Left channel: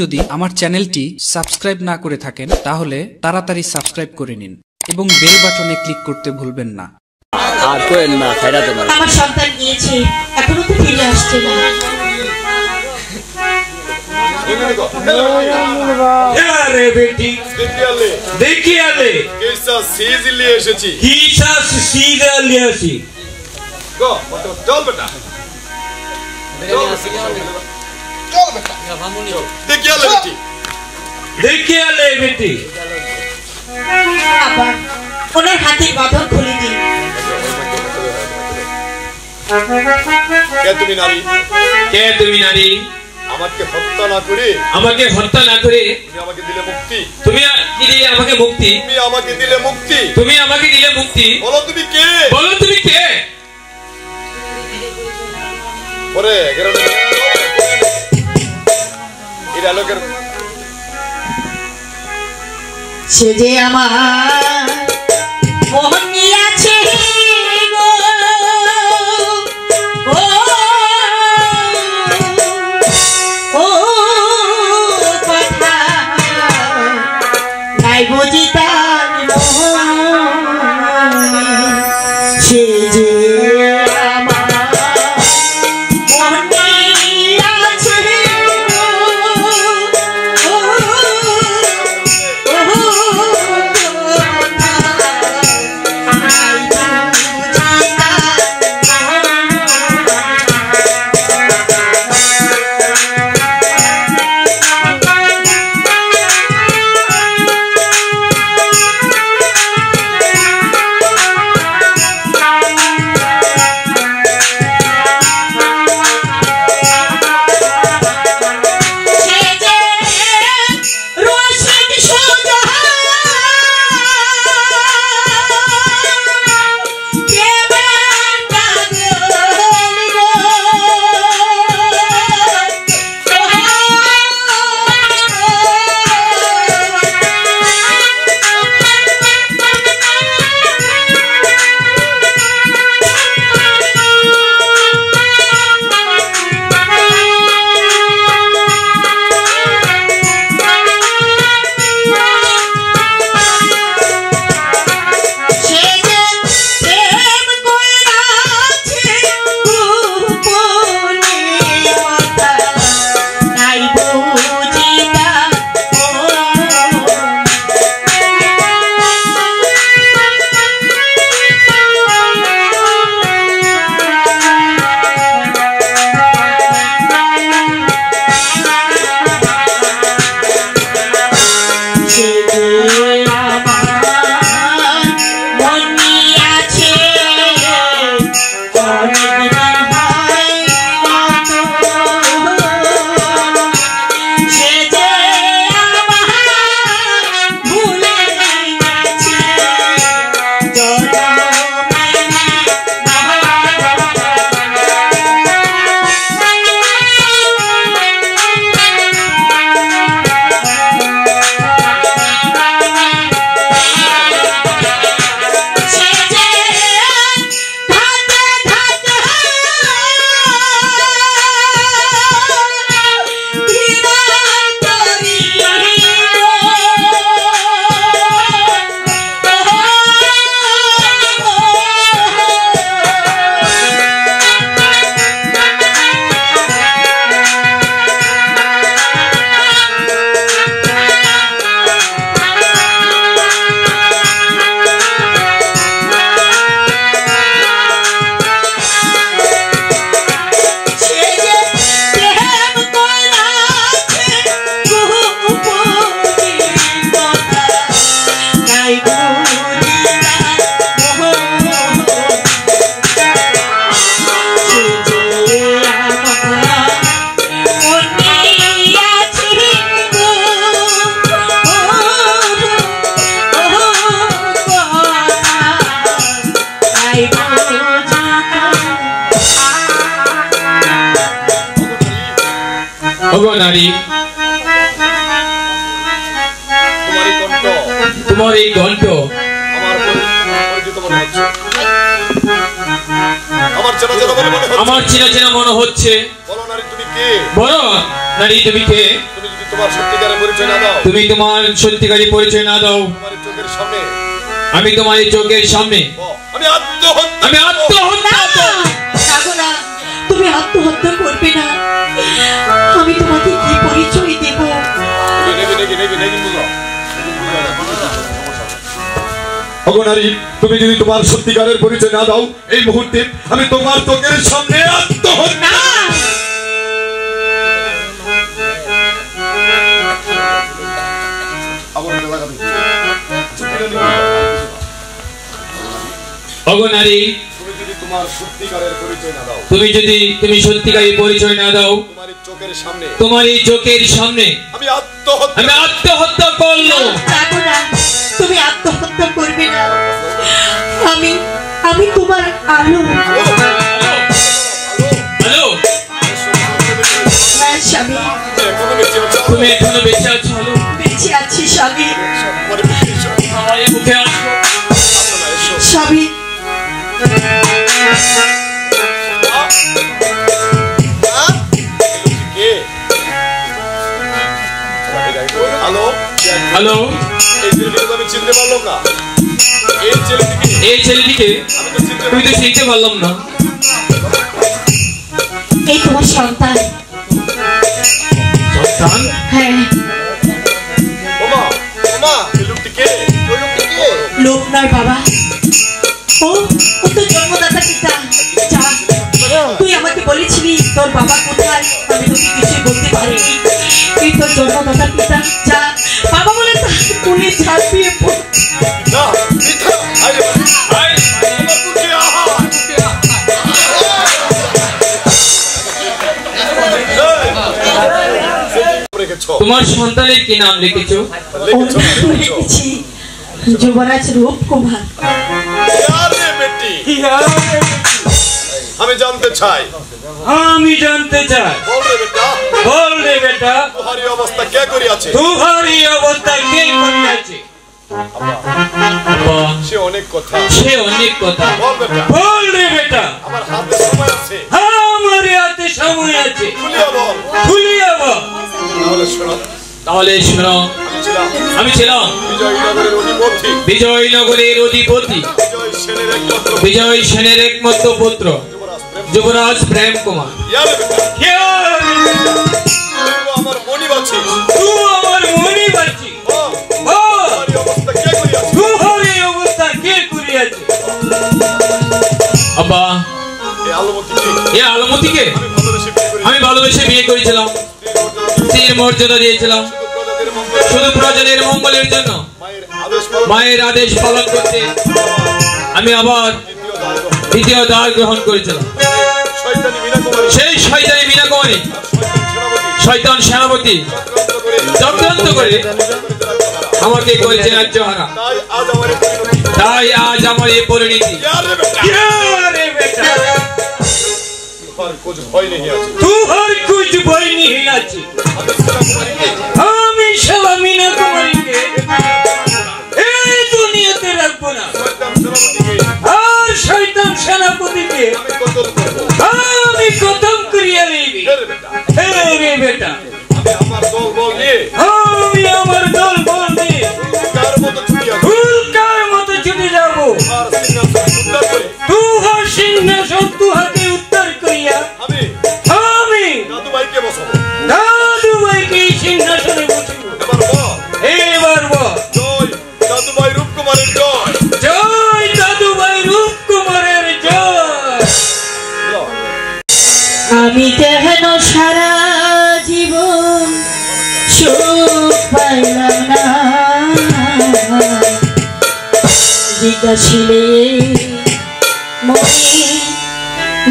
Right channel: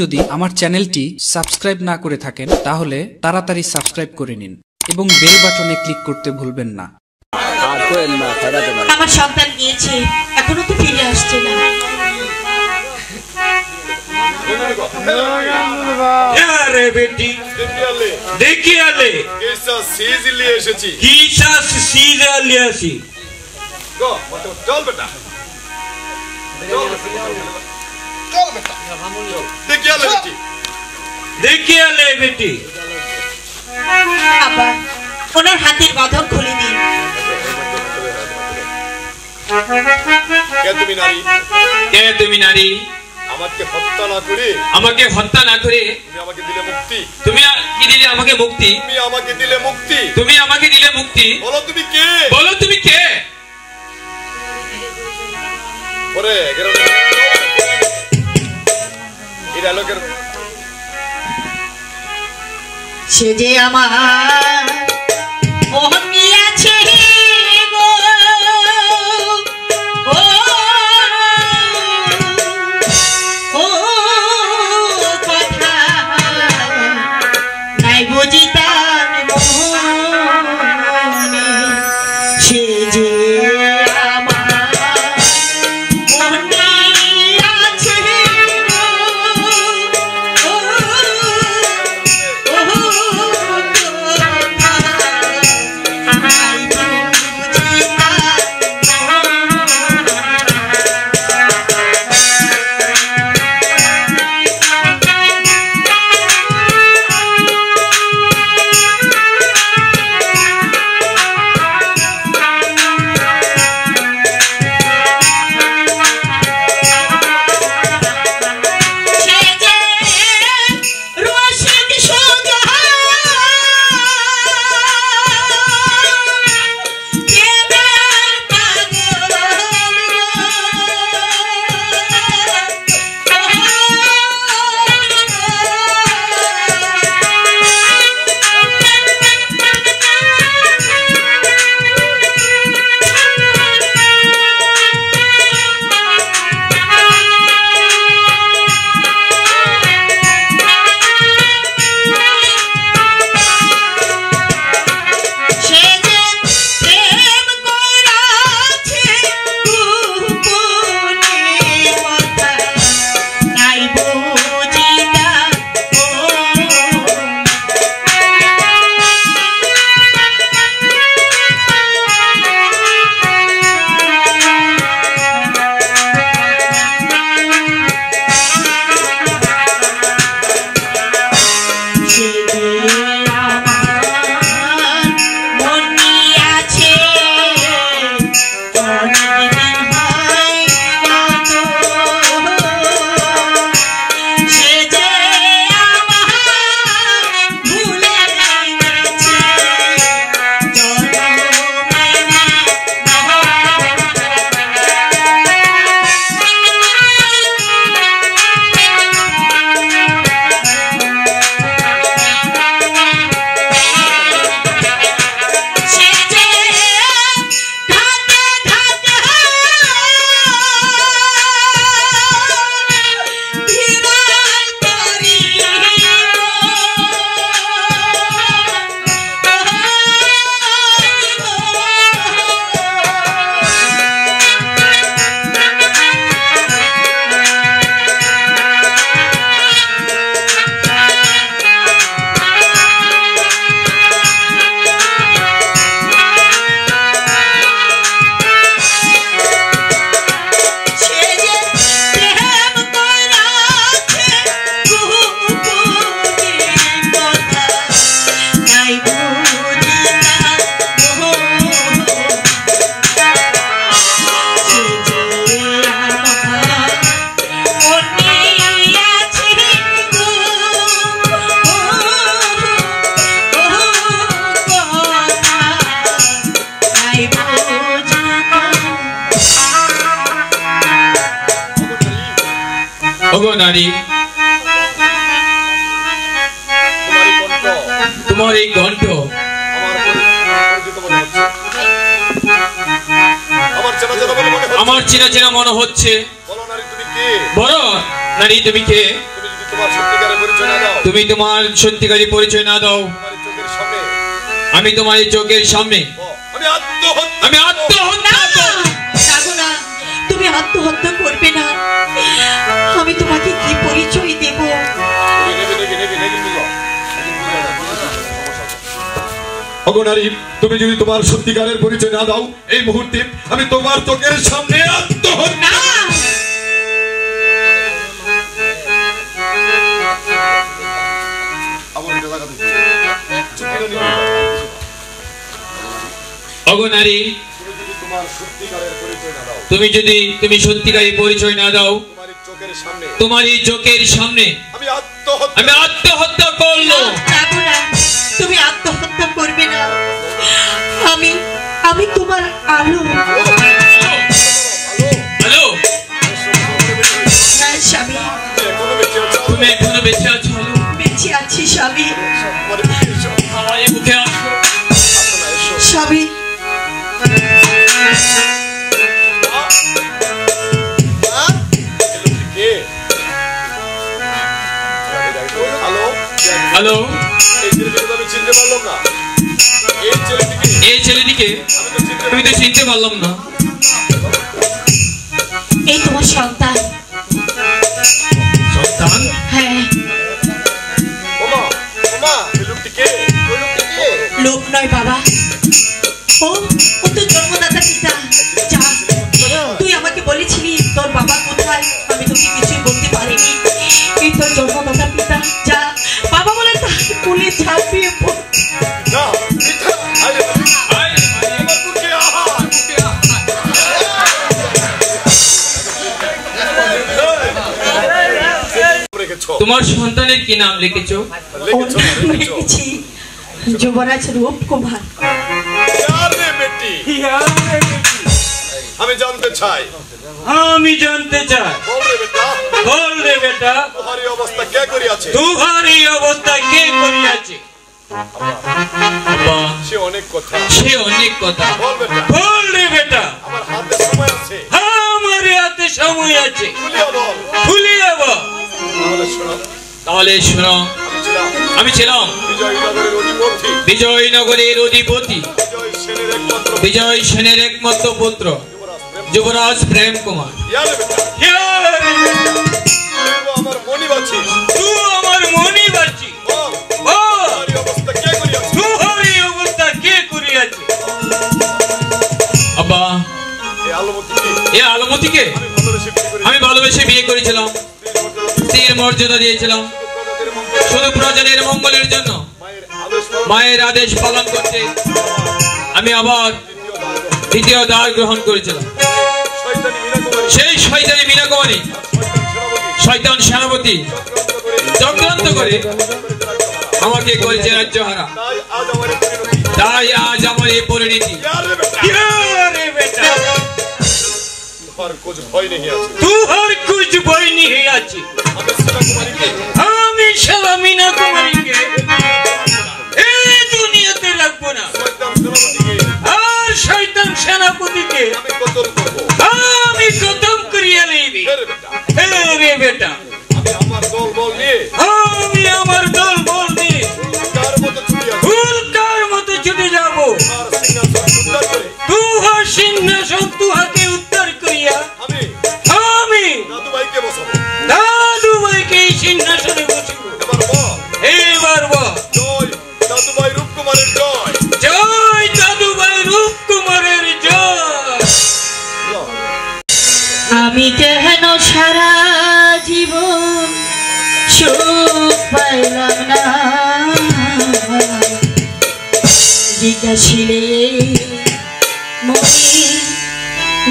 যদি আমার চ্যানেলটি সাবস্ক্রাইব না করে থাকেন তাহলে তাড়াতাড়ি সাবস্ক্রাইব করে নিন এবং বেল বাটনে ক্লিক করতে ভুলবেন না। আর কোয়েন না খাইরা দেন। আমার সন্তান গিয়েছে, এখনো তো ফিরে আসছে না। আরে বেটি দেখি আলে কেসা সিজ লিয়ে এসেছি। কিসা সিজ লিয়ে আসি গো চল বেটা চল বেটা দেখি আলে বেটি দেখি আলে বেটি। বাবা ওনার হাতের বাঁধন খুলে দিন। কে তুমি নারী? কে তুমি নারী? আমাকে হত্যা না করে তুমি আমাকে দিলে মুক্তি। তুমি কি দিলে আমাকে মুক্তি? তুমি আমাকে দিলে মুক্তি। তুমি আমাকে দিলে মুক্তি। বলো তুমি কে? বলো তুমি কে? ওরে এই ডায়লগের সে যে আমার মোহন নিয়েছে গো, ও কথা নাই বুঝি তার মনে। সে যে নারী তোমার এই কণ্ঠ আমার পরিচিত মনে হচ্ছে, আমার চেনা চেনা মনে হচ্ছে। বলো নারী তুমি কে? তুমি যদি তোমার সত্যিকারের পরিচয় না দাও, তুমি তোমার সত্যিকারের পরিচয় না দাও, তোমার চোখের সামনে আমি তোমার চোখের সামনে আমি আত্মহত্যা না, তুমি আত্মহত্যা করবে না। আমি তোমাকে কি পরিচয় দেব? অগনারী, তুমি যদি তোমার সত্যিকারের পরিচয় না দাও, এই মুহূর্তে আমি তোমার চোখের সামনে আত্মহত্যা। না, অগনারী, তুমি যদি তোমার সত্যিকারের পরিচয় না দাও, তুমি সত্যিকারের পরিচয় না দাও, তোমার এই চোখের সামনে আমি আত্মহত্যা করলো। না, তুমি আত্মহত্যা করবে না। আমি তোমার আলো। হ্যালো, হ্যাঁ স্বামী, তুমি এখনো বেঁচে আছো? বেঁচে আছি স্বামী। আমার এই মুখে আসো স্বামী, হ্যালো, আমি চিনতে পারলাম না। এই ছেলেটিকে আমি তো চিনতে পারলাম না। এই তোমার সন্তান। সন্তান? হ্যাঁ, লোক নয় বাবা, ও তো জন্মদাতা পিতা। যা, তুই আমাকে বলেছিলি তোর বাবা কোথায়, আমি তোকে কিছু বলতে পারিনি। এই তোর জন্মদাতা পিতা। যা, বাবা বলে তার কোলে ঝাঁপিয়ে পড়। তোমার সন্তানের কি নাম লিখেছো? লিখেছি যুবরাজ রূপকুমার। আমি জানতে চাই, বল রে বেটা, তোমারই অবস্থা কে করিয়াছে? সে অনেক কথা, বল রে বেটা, আমার হাতে সময় আছে, খুলিয়া বল। তাহলে শোনো, আমি ছিলাম বিজয়নগরের অধিপতি, বিজয় সেনের একমাত্র পুত্র যুবরাজ প্রেম কুমার। আমার মনি বাছি, আমার মনি বাচ্চি, অবস্থা কে করিয়াছে? আব্বা, এই আলমতিকে আমি ভালোবেসে বিয়ে করেছিলাম, স্ত্রীর মর্যাদা দিয়েছিলাম শুধু প্রজাদের মঙ্গলের জন্য। মায়ের আদেশ পালন করতে আমি আবার দ্বিতীয় দ্বার গ্রহণ করেছিলাম। সেই শয়তানি মীনা কুমারী, শয়তান সেনাপতি চক্রান্ত করে আমাকে করেছে রাজ্যহারা। তাই আজ আমার এই পরিণতি। तुहर कुछ भय नहीं আছে। আমি শালা মীনা কুমারীকে এই দুনিয়াতে রাখবো না। আর শয়তান সেনাপতিকে আমি খতম করিয়া লইবি। রে বেটা, আমি আমার দল বল নিয়ে উল্কার মতো ছুটে যাবো। তুহার সিংহাসন তুহাকে উদ্ধার করিয়া আমি দাদুভাইকে এই সিংহাসনে বসিব। এবার বল, জয় দাদুভাই রূপকুমারের জয়, জয় দাদুভাই রূপকুমারের জয়। আমি কেন সারা জীবন সুখ পাইলাম না, জিজ্ঞাসিলে মনে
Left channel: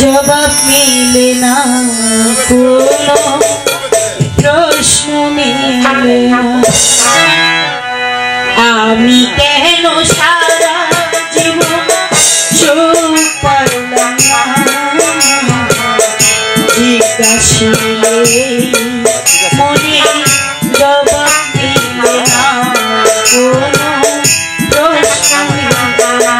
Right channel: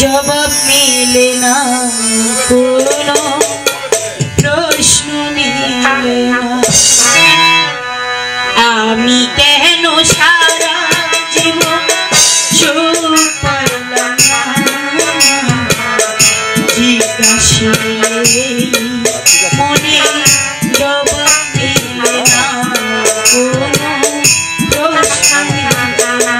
জবাব মিলে না, কোনো প্রশ্ন মিলে না। আমি কেন সারা জীবন সুখ পাইলাম না, জিজ্ঞাসিলে মনে জবাব মিলে না, কোনো প্রশ্ন মিলে না।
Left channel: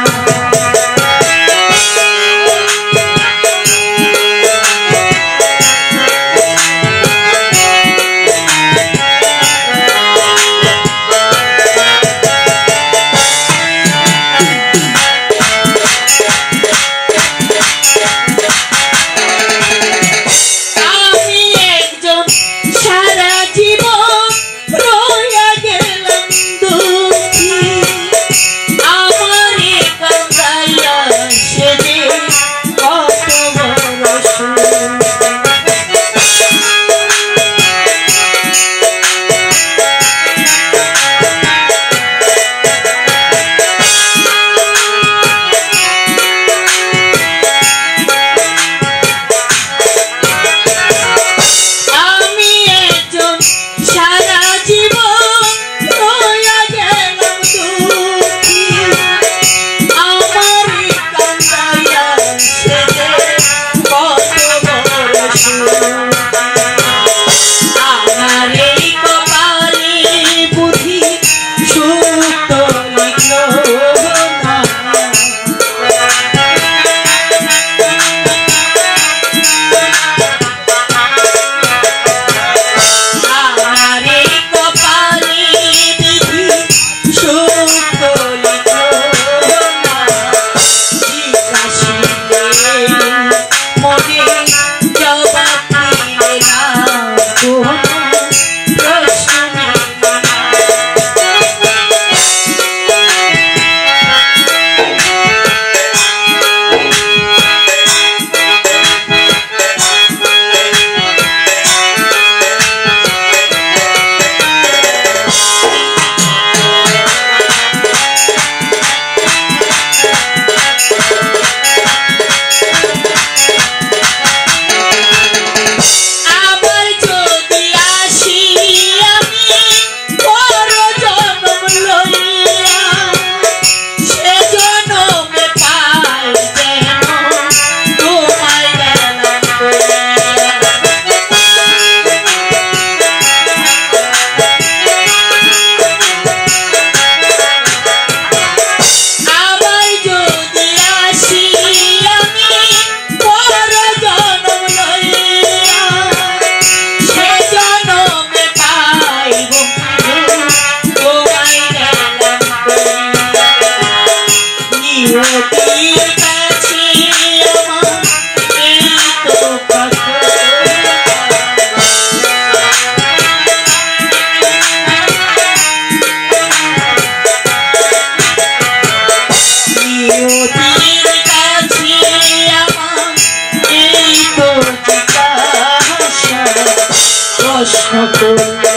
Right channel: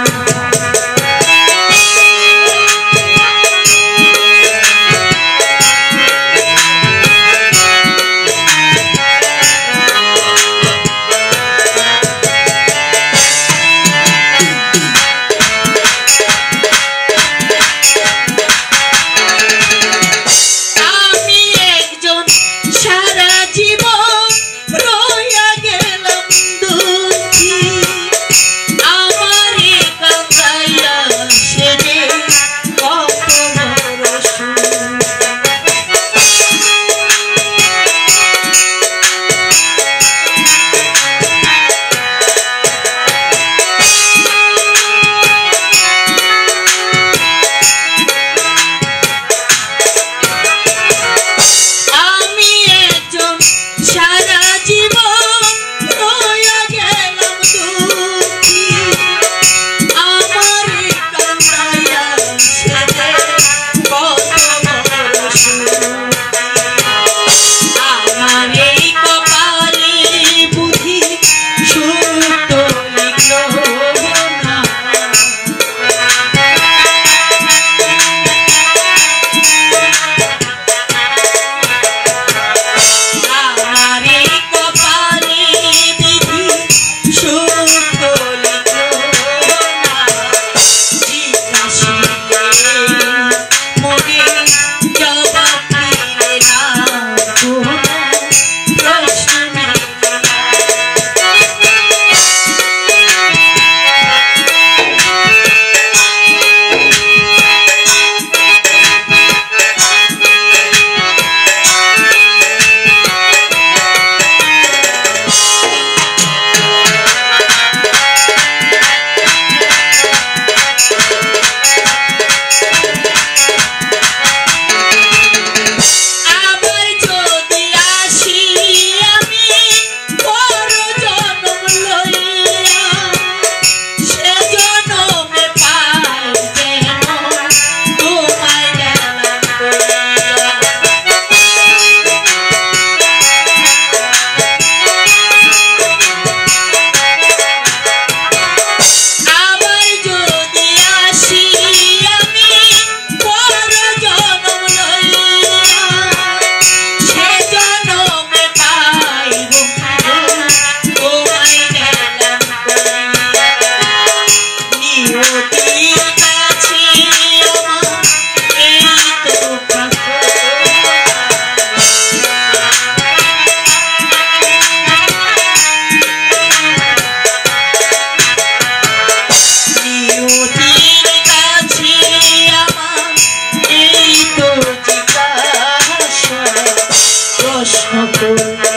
প্রশ্ন করলে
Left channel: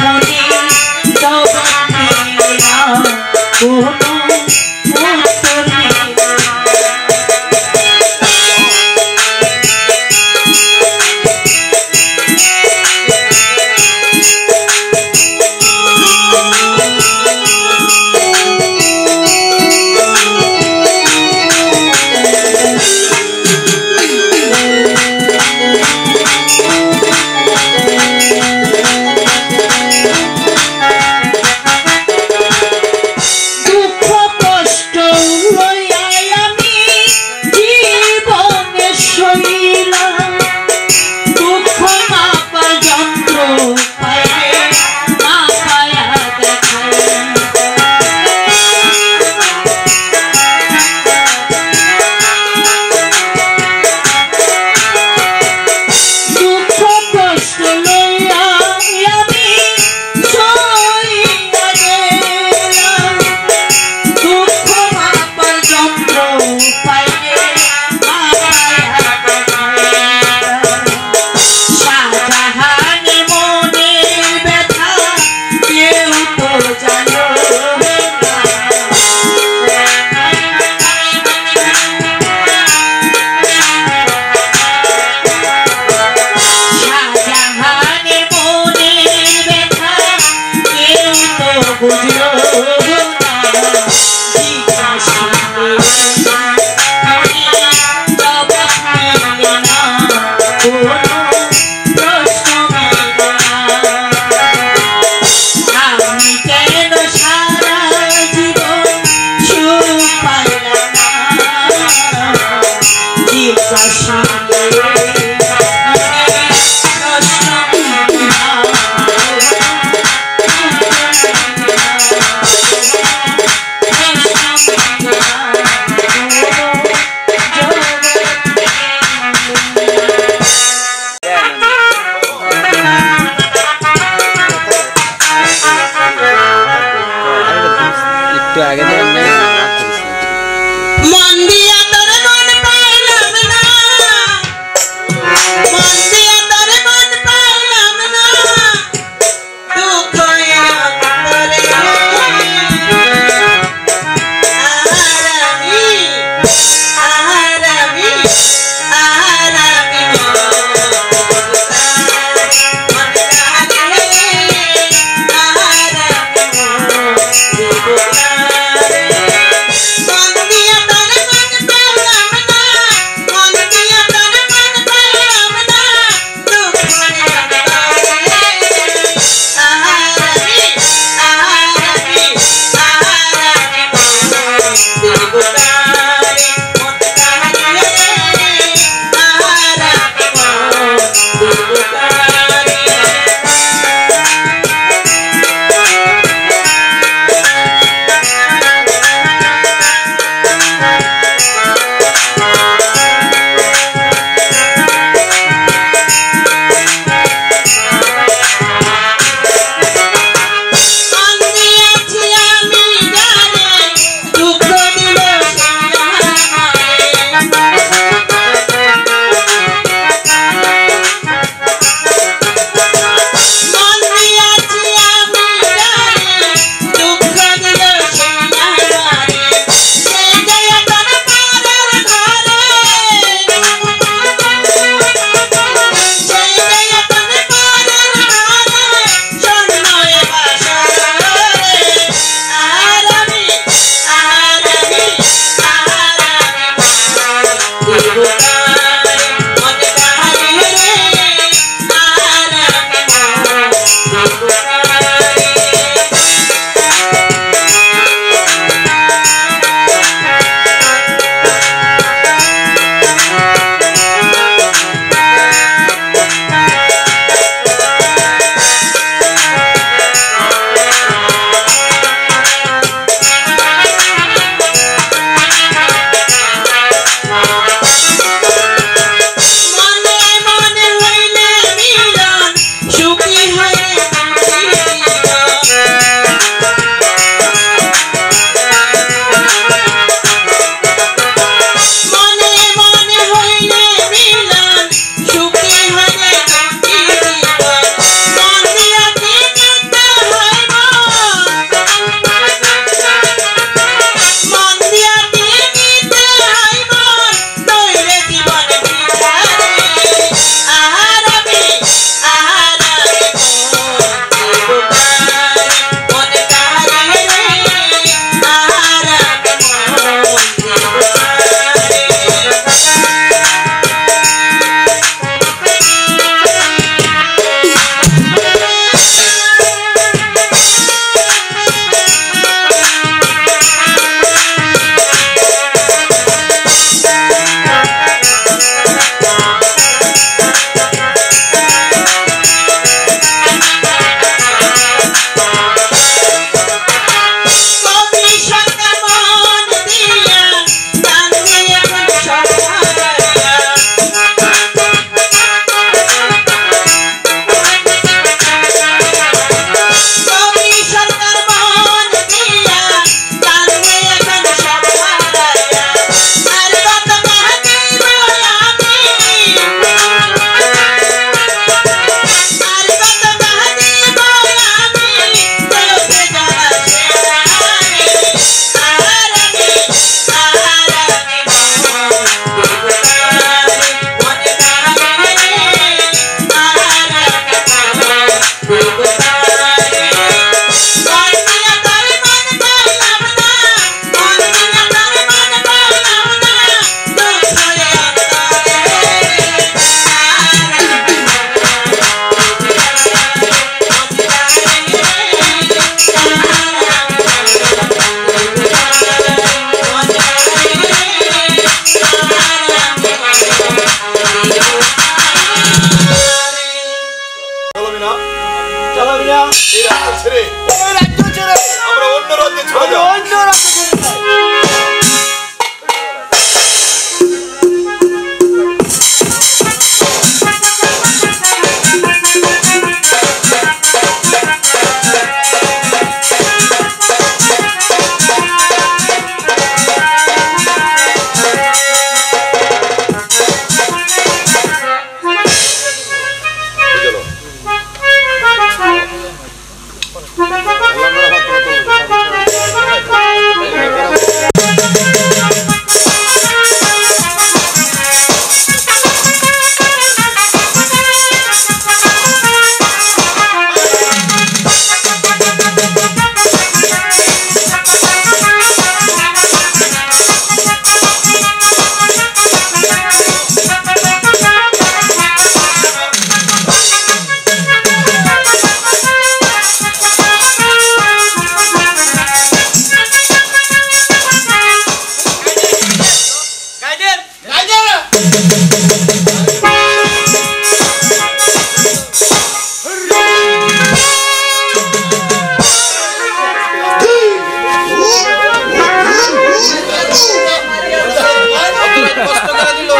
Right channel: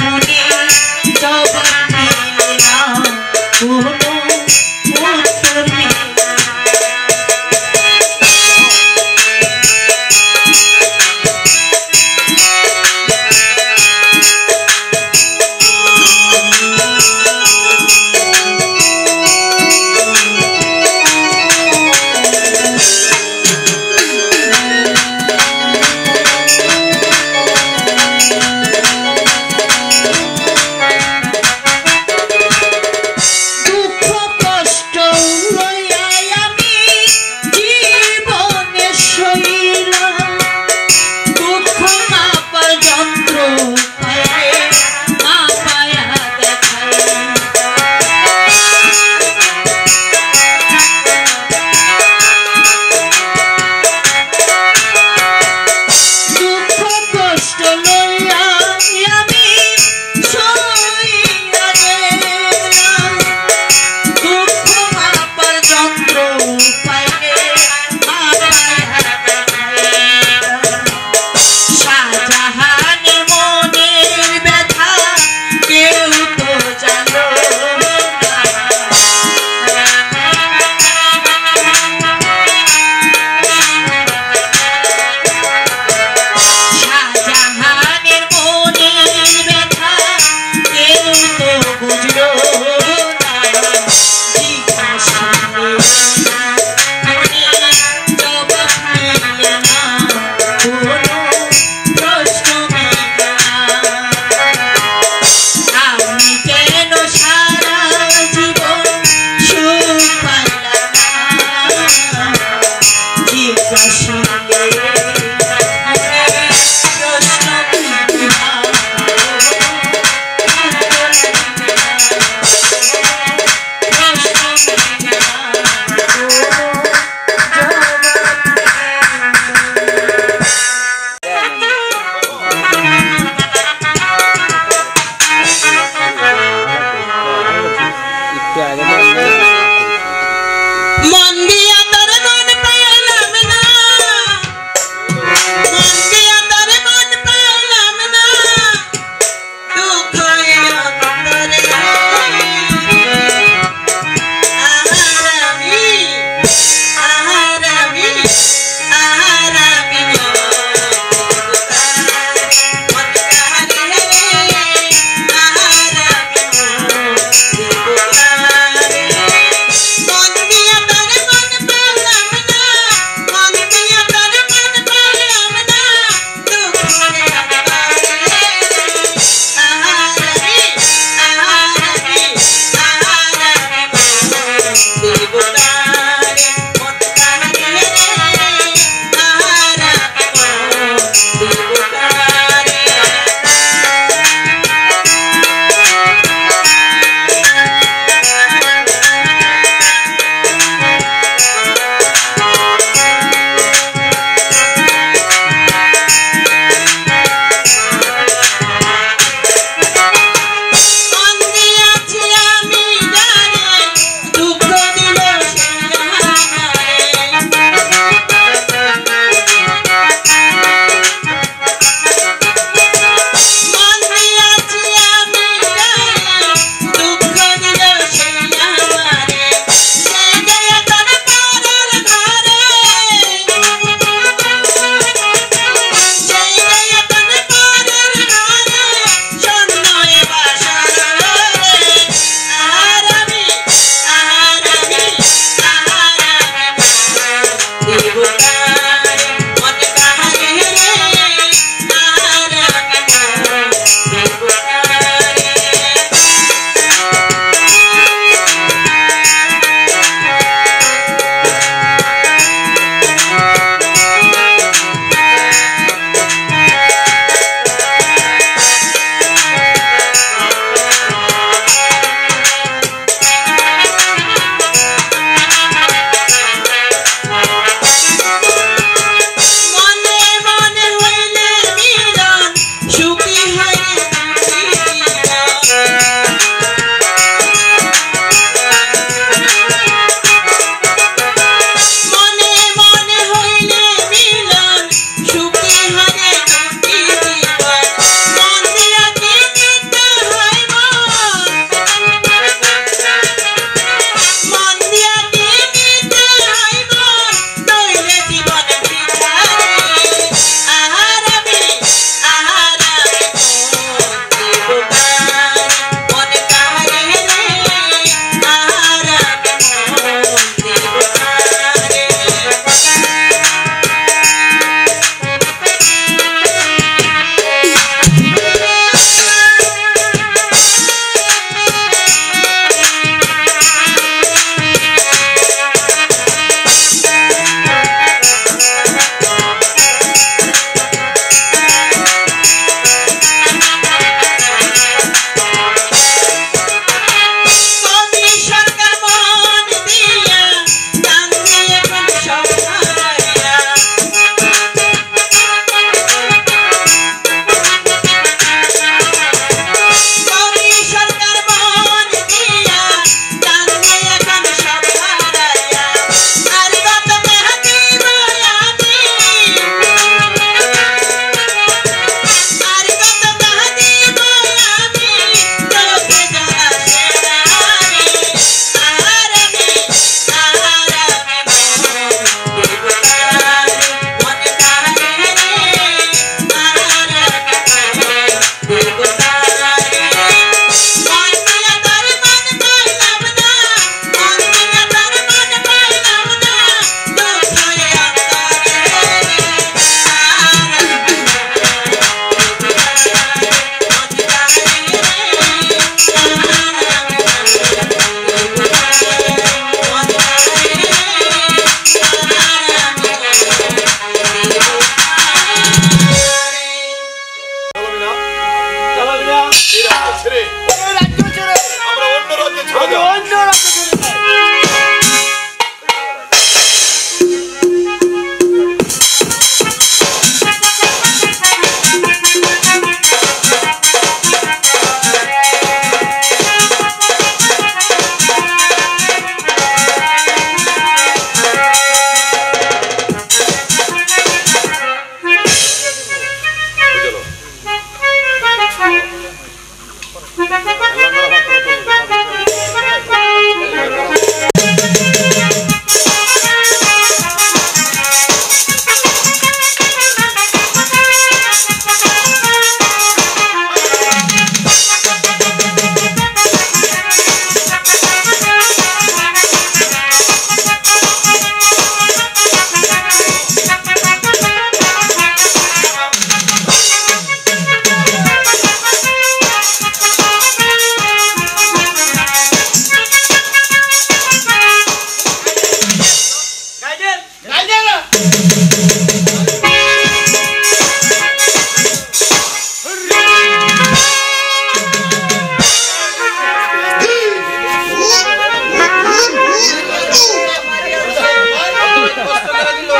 মনে জবাব দিলে না কোনো উত্তর নেই। মন দিয়া তোর মন পেলাম না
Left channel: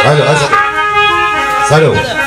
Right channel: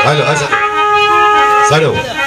Halo, halo. Halo.